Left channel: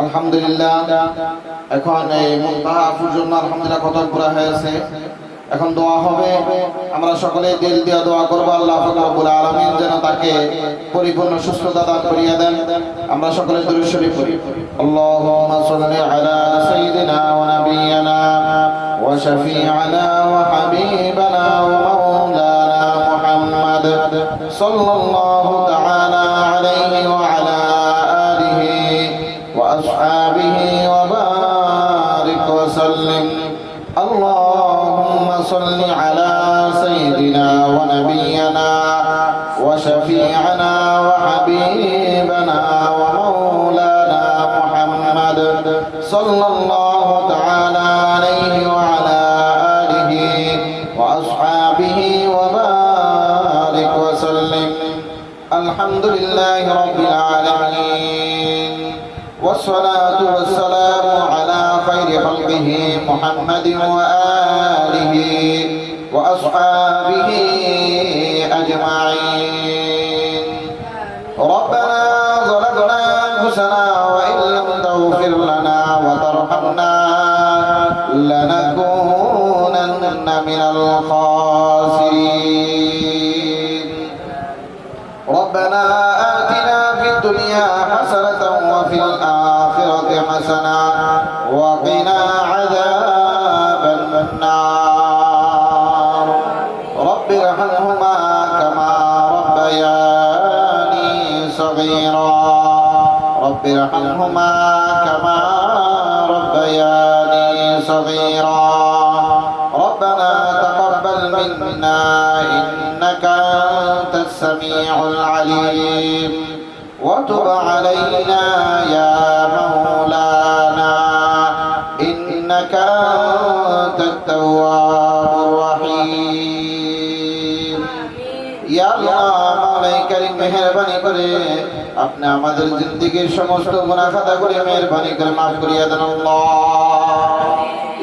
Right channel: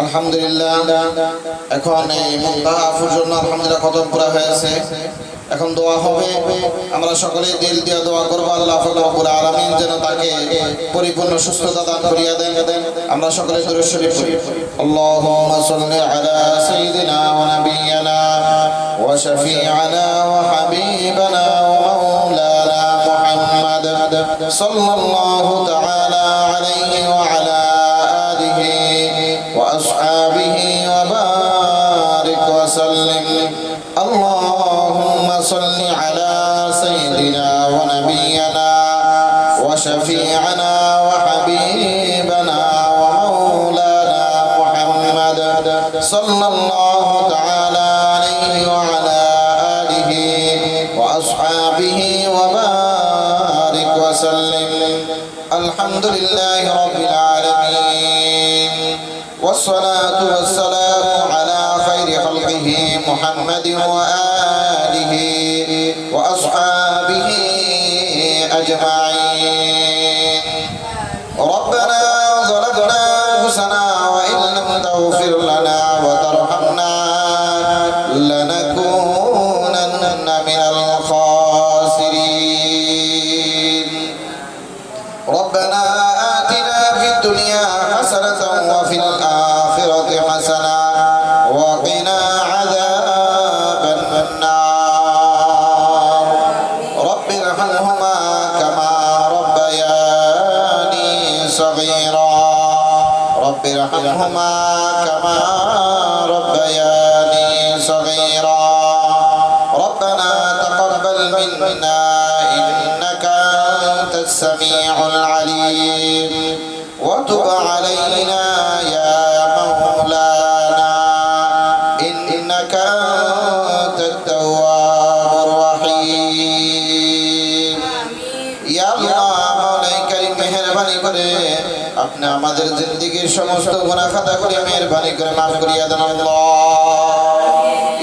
আলহামদুলিল্লাহ। এখন এই মুনতাহাফুর জন্য আলহামদুলিল্লাহ খতম করা হয়েছে। এখন দোয়া হবে, আমরা সকলে দিল দিয়ে দোয়া করব আল্লাহ রাব্বুল আলামিন যেন তাকে পরিপূর্ণ সুস্থতা দান করিয়া দেন। আমরা সকলে দুরূদ শরীফ পড়ি। আল্লাহুম্মা সাল্লি আলা সাইয়্যিদিনা ওয়া নাবিয়্যিনা ওয়া শাফি'ানা ওয়া হাবিবানা ওয়া মাওলানা মুহাম্মদ সাল্লাল্লাহু তাআলা আলাইহি ওয়া আলা আলিহি ওয়া আসহাবিহি ওয়া বারিক ওয়া সাল্লিম। اللهم صل على سيدنا ونبينا وشفيعنا وحبيبنا ومولانا محمد صلى الله تعالى عليه وعلى آله وأصحابه وبارك وسلم. الحمد لله رب العالمين والصلاة والسلام على خير خلقه محمد وآله وأصحابه أجمعين. ربنا ظلمنا أنفسنا وإن لم تغفر لنا وترحمنا لنكونن من الخاسرين. ربنا آتنا في الدنيا حسنة وفي الآخرة حسنة وقنا عذاب النار. رب ارحمهما كما ربياني صغيرا. رب ارحمهما كما ربياني صغيرا. ربنا تقبل منا إنك أنت السميع العليم وتب علينا يا مولانا إنك أنت التواب الرحيم. يا الله موলাই করিম মেহেরবানি করে আপনি আমাদের জিন্দেগীর সমস্ত গুনাহ খাতাগুলি মেহেরবানি করে maaf করিয়া দেন আল্লাহ।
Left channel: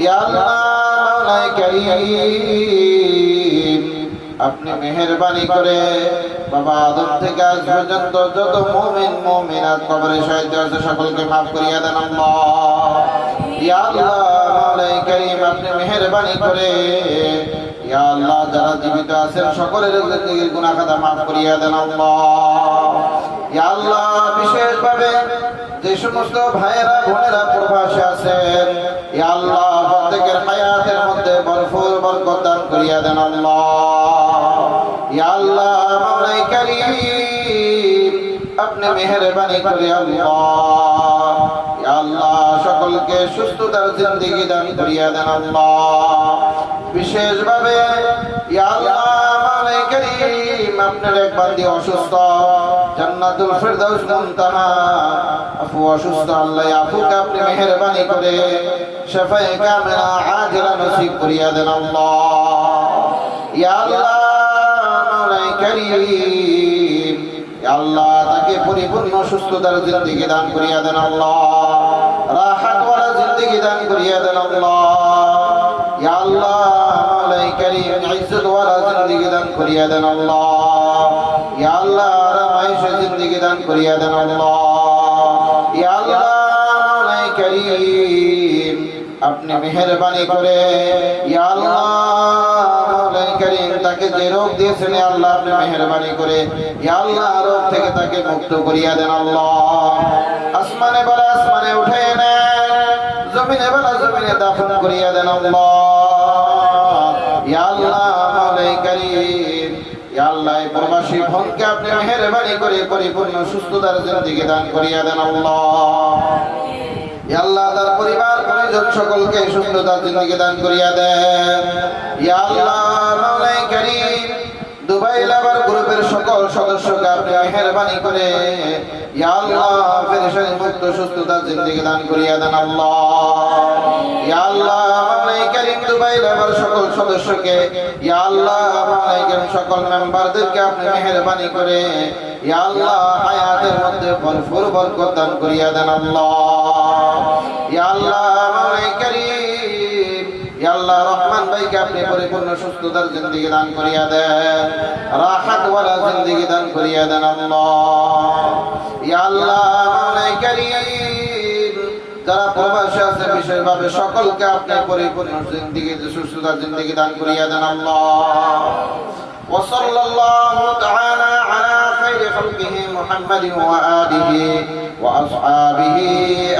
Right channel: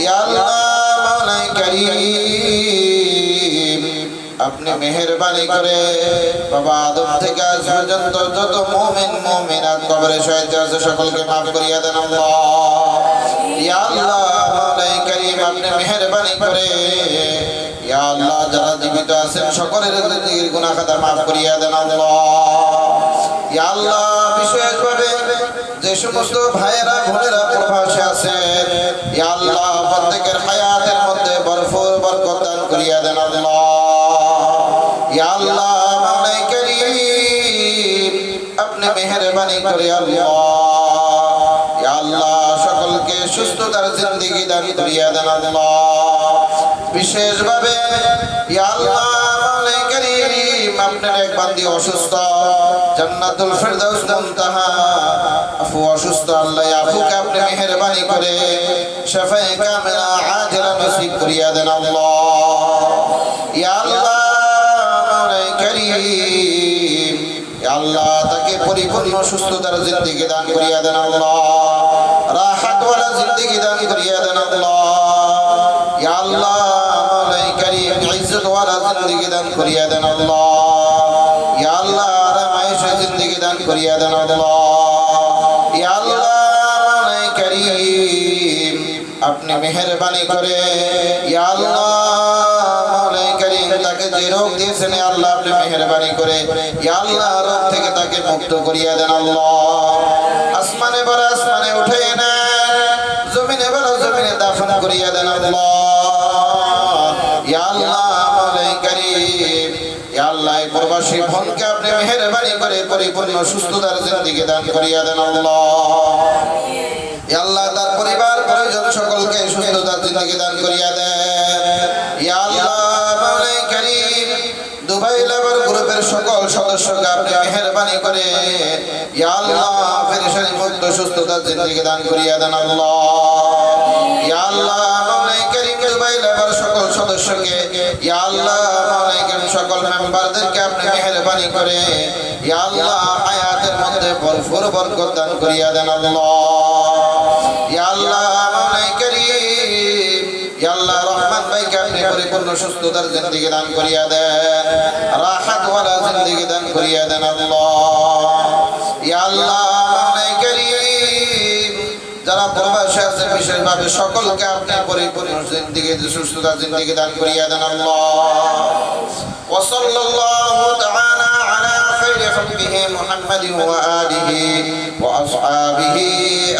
ইয়া আল্লাহ موলাই করিম আপনি মেহেরবানি করে বাবা আদম থেকে আজ পর্যন্ত যত মুমিন মুমিনাত কবরে শহীদ হয়েছে সকলকে maaf করিয়া দেন আল্লাহ। ইয়া আল্লাহ মাওলাই করিম আপনি মেহেরবানি করে ইয়া আল্লাহ যারা জীবিত আছেন সকলের জিন্দেগীর গুনাহ খাতা maaf করিয়া দেন আল্লাহ। ইয়া আল্লাহ বিশেষভাবে যে সমস্ত ভাইয়েরা বোনেরা প্রবাসে আছেন ইয়া আল্লাহ প্রত্যেকের হায়াতের মধ্যে ভরপুর বরকত দান করিয়া দেন আল্লাহ। ইয়া আল্লাহ মাওলাই করিম আপনি মেহেরবানি করে আল্লাহ ইয়া আল্লাহ সকলকে সুস্থতার জিন্দেগি দান করিয়া দেন আল্লাহ। বিশেষভাবে ইয়া আল্লাহ মাওলাই করিম আপনার এক বান্দী অসুস্থ জান্নাতুল ফেরদাউস মুনতাহা আফু অসুস্থ আল্লাহ আফুকে আপনি মেহেরবানি করে শাফায়ে কামিলা আজলা নসিব করিয়া দেন আল্লাহ। ইয়া আল্লাহ করিম আল্লাহ তাকে পরিপূর্ণ সুস্থতার জিন্দেগি দান করিয়া দেন আল্লাহ। রাহাত ওয়ালা জিন্দেগি দান করিয়া দেন আল্লাহ। ইয়া আল্লাহ মাওলাই করিম ইজ্জত ওয়ালা জিন্দেগি দান করিয়া দেন আল্লাহ। ইয়া আল্লাহ আরামায়েশ জিন্দেগি দান করিয়া দেন আল্লাহ। ইয়া আল্লাহ মাওলাই করিম আপনি মেহেরবানি করে ইয়া আল্লাহ তাকে যে রোগ দিয়েছেন আল্লাহ আপনি মেহেরবানি করে ইয়া আল্লাহ রোগ থেকে তাকে মুক্ত করিয়া দেন আল্লাহ। আসমানে বড় আসমানে উঠে নেন, জমিনে বড় জমিনে দাফন করিয়া দেন আল্লাহ। ইয়া আল্লাহ মাওলাই করিম ইয়া আল্লাহ প্রবাসী ভনকে আপনি মেহেরবানি করে পরিপূর্ণ সুস্থতার জিন্দেগি দান করিয়া দেন আল্লাহ। ইয়া আল্লাহ তার পরিবার পরিজন সকলকে সুস্থতার জিন্দেগি দান করিয়া দেন। ইয়া আল্লাহ মাওলাই করিম দুবাই লেবার গ্রুপের সকল সদস্যকে আপনি মেহেরবানি করে ইয়া আল্লাহ পেরেশানি মুক্ত সুস্থতার জিন্দেগি দান করিয়া দেন আল্লাহ। ইয়া আল্লাহ মাওলাই করিম দুবাই লেবার সকল সদস্যকে ইয়া আল্লাহ মাওলাই করিম সকল মেম্বারদেরকে আপনি মেহেরবানি করে ইয়া আল্লাহ হায়াতের মধ্যে ভরপুর বরকত দান করিয়া দেন আল্লাহ। ইয়া আল্লাহ মাওলাই করিম ইয়া আল্লাহ রহমান ভাইকে আপনি পরিপূর্ণ সুস্থতার জিন্দেগি দান করিয়া দেন, রাহাত ওয়ালা জিন্দেগি দান করিয়া দেন আল্লাহ। ইয়া আল্লাহ মাওলাই করিম প্রবাসী আছে বিশেষভাবে সকলকে আপনি পরিপূর্ণ জিন্দেগি সুস্থতা জিন্দেগি দান করিয়া দেন আল্লাহ ওয়া সাল্লাল্লাহু তাআলা আলা খাইরি খালকিহি মুহাম্মাদিন ওয়া আলিহি ওয়া আসহাবিহি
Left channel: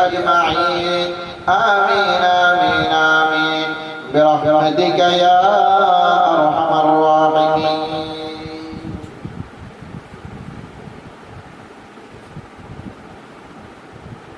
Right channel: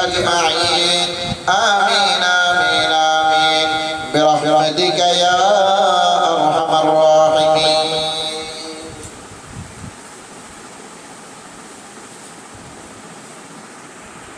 আজমাইন আমিন